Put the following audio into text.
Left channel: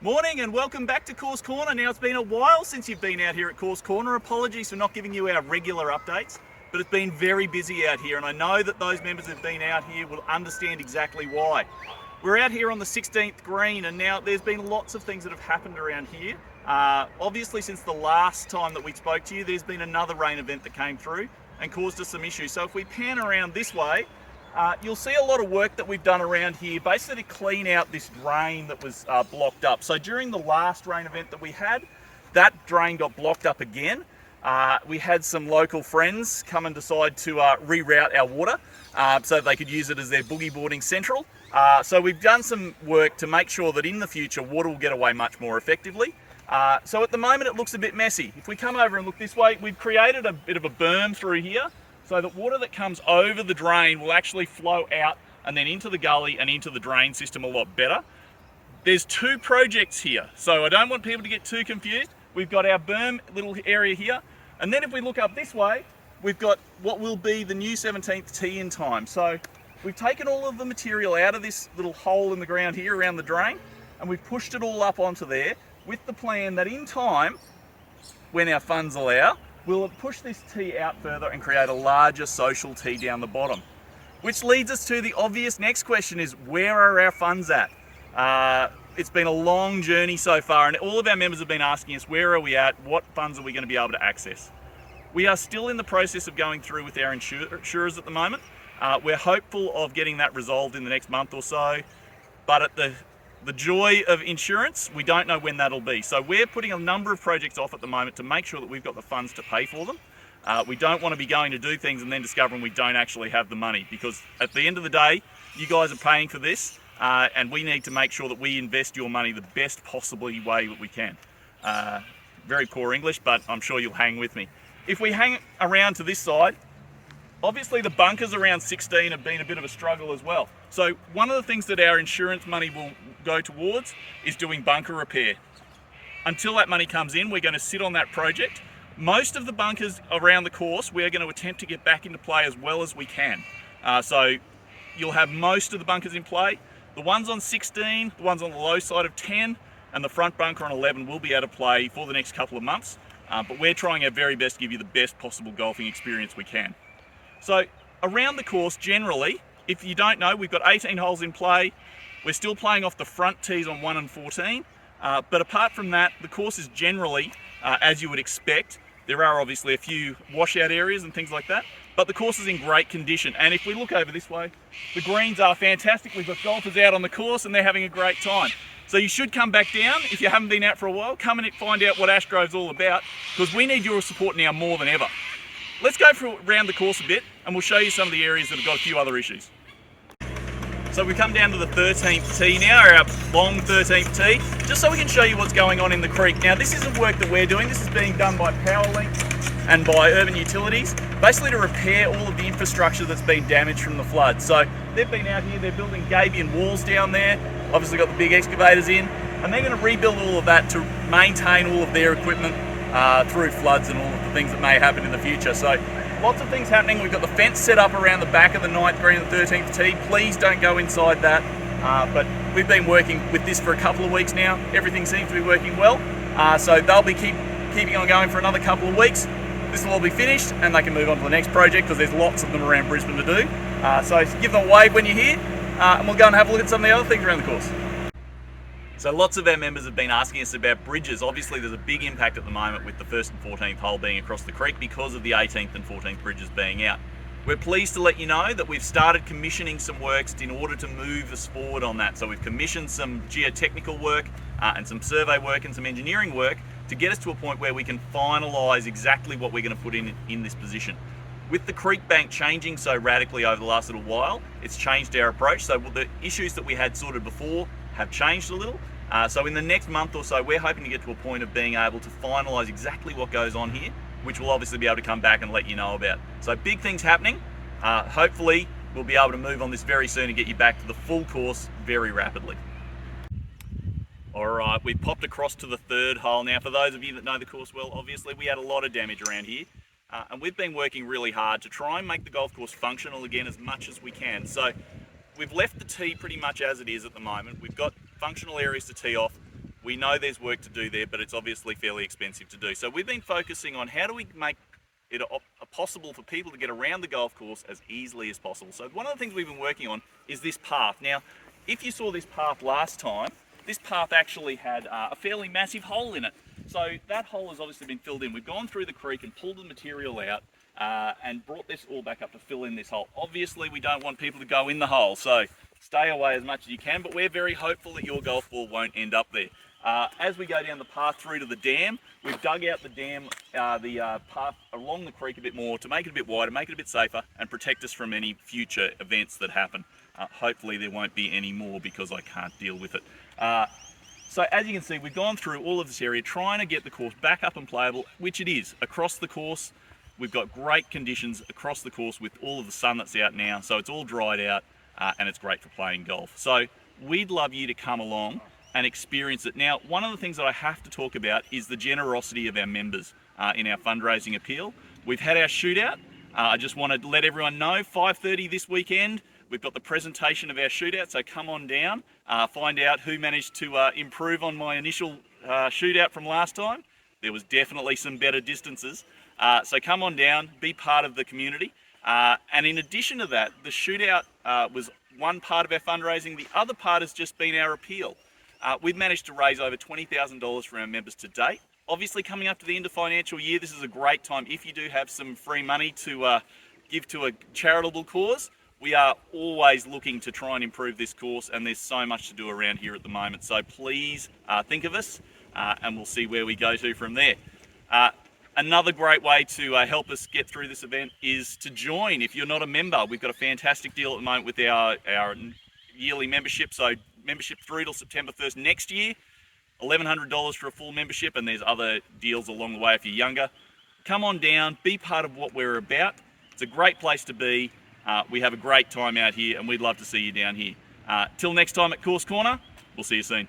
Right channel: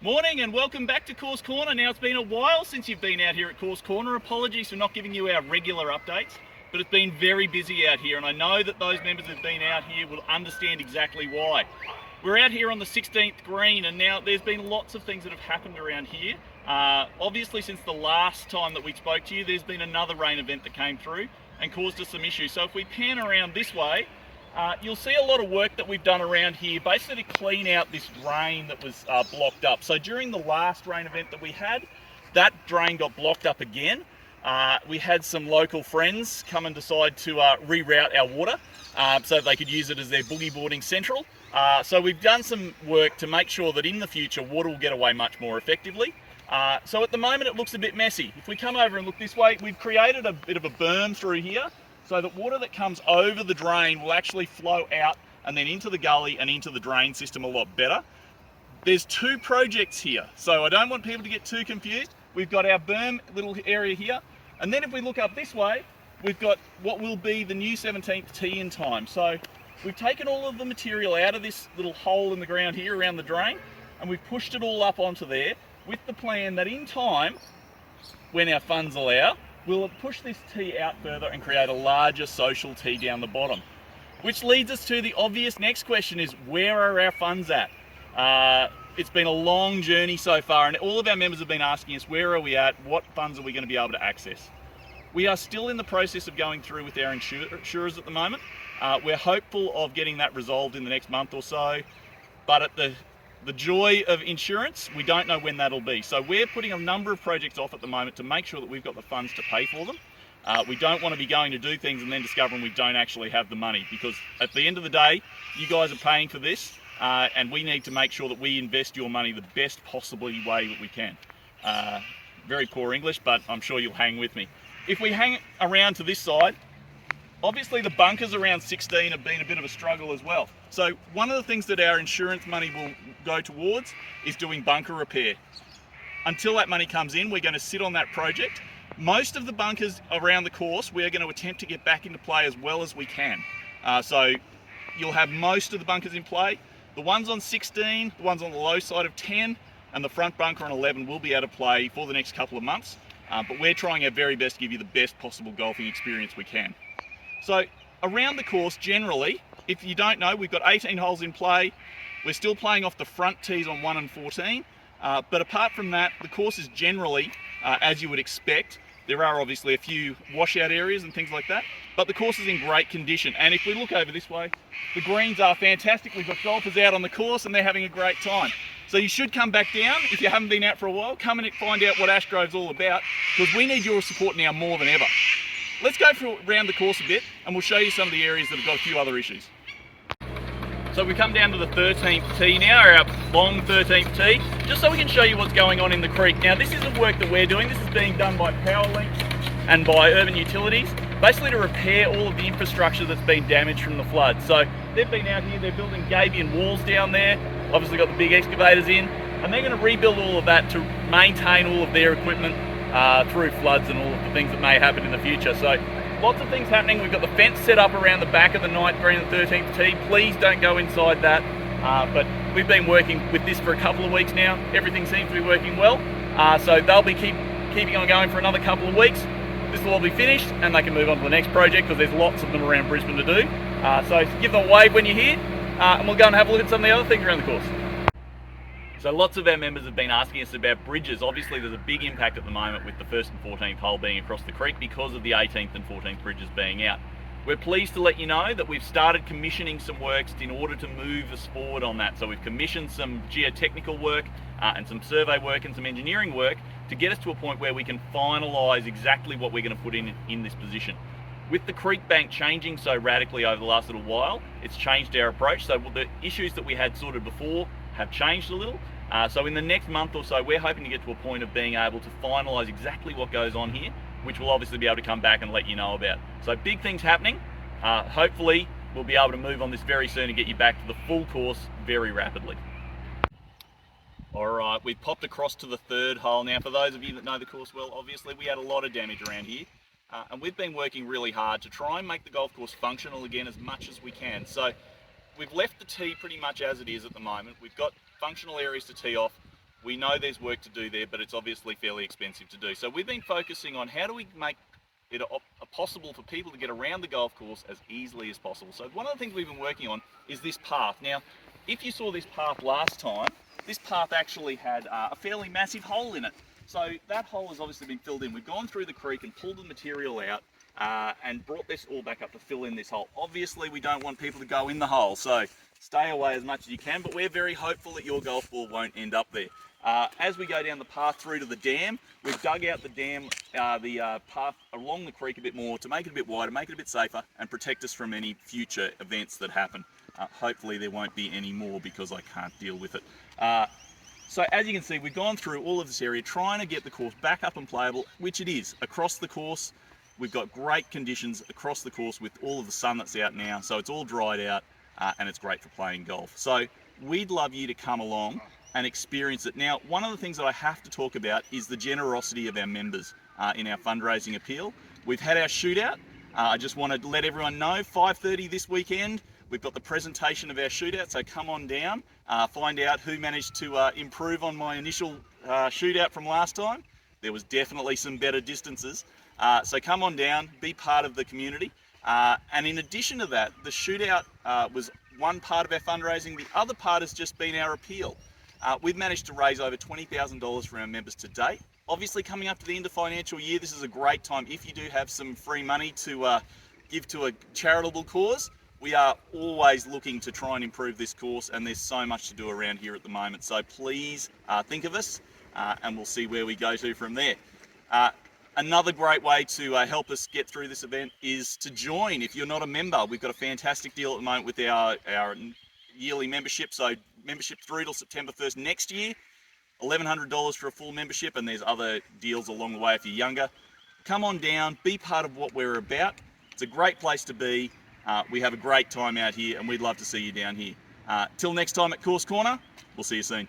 Morning and welcome back to Course Corner. Now, it's been a while since you've been out here at Course Corner. Apologies for not giving you our regular updates, but it's been very busy out here, and I know that those members who've been out here will understand exactly why. We're out here on the 16th green, and now there's been lots of things that have happened around here. Obviously, since the last time that we spoke to you, there's been another rain event that came through and caused us some issues. So if we pan around this way, you'll see a lot of work that we've done around here, basically to clean out this drain that was blocked up. So during the last rain event that we had, that drain got blocked up again. We had some local friends come and decide to reroute our water so they could use it as their boogie boarding central. So we've done some work to make sure that in the future water will get away much more effectively. So at the moment it looks a bit messy. If we come over and look this way, we've created a bit of a berm through here, so that water that comes over the drain will actually flow out and then into the gully and into the drain system a lot better. There's two projects here, so I don't want people to get too confused. We've got our berm little area here, and then if we look up this way, we've got what will be the new 17th tee in time. So we've taken all of the material out of this little hole in the ground here around the drain, and we've pushed it all up onto there with the plan that in time, when our funds allow, we'll push this tee out further and create a larger social tee down the bottom. Which leads us to the obvious next question is, where are our funds at? It's been a long journey so far, and all of our members have been asking us, where are we at? What funds are we going to be able to access? We are still in the process of going through with our insurers at the moment. We're hopeful of getting that resolved in the next month or so, but at the joy of insurance, we don't know when that'll be. So we're putting a number of projects off at the moment to make sure that we've got the funds to pay for them. We don't want to be going to do things and then discovering we don't actually have the money, because at the end of the day, you guys are paying for this, and we need to make sure that we invest your money the best possible way that we can. Very poor English, but I'm sure you'll hang with me. If we hang around to this side, obviously the bunkers around 16 have been a bit of a struggle as well. So one of the things that our insurance money will go towards is doing bunker repair. Until that money comes in, we're going to sit on that project. Most of the bunkers around the course, we're going to attempt to get back into play as well as we can. So you'll have most of the bunkers in play. The ones on 16, the ones on the low side of 10, and the front bunker on 11 will be out of play for the next couple of months. But we're trying our very best to give you the best possible golfing experience we can. So around the course, generally, if you don't know, we've got 18 holes in play. We're still playing off the front tees on 1 and 14. But apart from that, the course is generally, as you would expect. There are obviously a few washout areas and things like that, but the course is in great condition. And if we look over this way, the greens are fantastic. We've got golfers out on the course and they're having a great time. So you should come back down. If you haven't been out for a while, come and find out what Ashgrove's all about, because we need your support now more than ever. Let's go around the course a bit and we'll show you some of the areas that have got a few other issues. So we come down to the 13th tee now, our long 13th tee, just so we can show you what's going on in the creek. Now this isn't work that we're doing, this is being done by Powerlink and by Urban Utilities, basically to repair all of the infrastructure that's been damaged from the flood. So they've been out here, they're building gabion walls down there, obviously got the big excavators in, and they're going to rebuild all of that to maintain all of their equipment through floods and all of the things that may happen in the future. So lots of things happening. We've got the fence set up around the back of the 9th green and the 13th tee. Please don't go inside that. But we've been working with this for a couple of weeks now. Everything seems to be working well. So they'll be keeping on going for another couple of weeks. This will all be finished and they can move on to the next project, because there's lots of them around Brisbane to do. So give them a wave when you're here, and we'll go and have a look at some of the other things around the course. So lots of our members have been asking us about bridges. Obviously there's a big impact at the moment with the 1st and 14th hole being across the creek because of the 18th and 14th bridges being out. We're pleased to let you know that we've started commissioning some works in order to move us forward on that. So we've commissioned some geotechnical work and some survey work and some engineering work to get us to a point where we can finalise exactly what we're going to put in this position. With the creek bank changing so radically over the last little while, it's changed our approach. So the issues that we had sorted before have changed a little. So in the next month or so, we're hoping to get to a point of being able to finalise exactly what goes on here, which we'll obviously be able to come back and let you know about. So big things happening. Hopefully we'll be able to move on this very soon and get you back to the full course very rapidly. All right, we've popped across to the 3rd hole. Now, for those of you that know the course well, obviously we had a lot of damage around here. And we've been working really hard to try and make the golf course functional again as much as we can. So we've left the tee pretty much as it is at the moment. We've got functional areas to tee off. We know there's work to do there, but it's obviously fairly expensive to do. So we've been focusing on how do we make it possible for people to get around the golf course as easily as possible. So one of the things we've been working on is this path. Now, if you saw this path last time, this path actually had a fairly massive hole in it. So that hole has obviously been filled in. We've gone through the creek and pulled the material out and brought this all back up to fill in this hole. Obviously, we don't want people to go in the hole, so stay away as much as you can, but we're very hopeful that your golf ball won't end up there. As we go down the path through to the dam, we've dug out the dam, path along the creek a bit more to make it a bit wider, make it a bit safer, and protect us from any future events that happen. Hopefully there won't be any more because I can't deal with it. So as you can see, we've gone through all of this area trying to get the course back up and playable, which it is. Across the course, we've got great conditions across the course with all of the sun that's out now, so it's all dried out and it's great for playing golf. So we'd love you to come along and experience it. Now, one of the things that I have to talk about is the generosity of our members in our fundraising appeal. We've had our shootout. I just want to let everyone know, 5:30 this weekend, we've got the presentation of our shootout, so come on down, find out who managed to improve on my initial shootout from last time. There was definitely some better distances. So come on down, be part of the community. And in addition to that, the shootout was one part of our fundraising. The other part has just been our appeal. We've managed to raise over $20,000 for our members to date. Obviously, coming up to the end of financial year, this is a great time if you do have some free money to give to a charitable cause. We are always looking to try and improve this course, and there's so much to do around here at the moment. So please think of us, and we'll see where we go to from there. Another great way to help us get through this event is to join. If you're not a member, we've got a fantastic deal at the moment with our yearly membership. So membership through till September 1st next year, $1,100 for a full membership, and there's other deals along the way if you're younger. Come on down, be part of what we're about. It's a great place to be. We have a great time out here, and we'd love to see you down here. Till next time at Course Corner, we'll see you soon.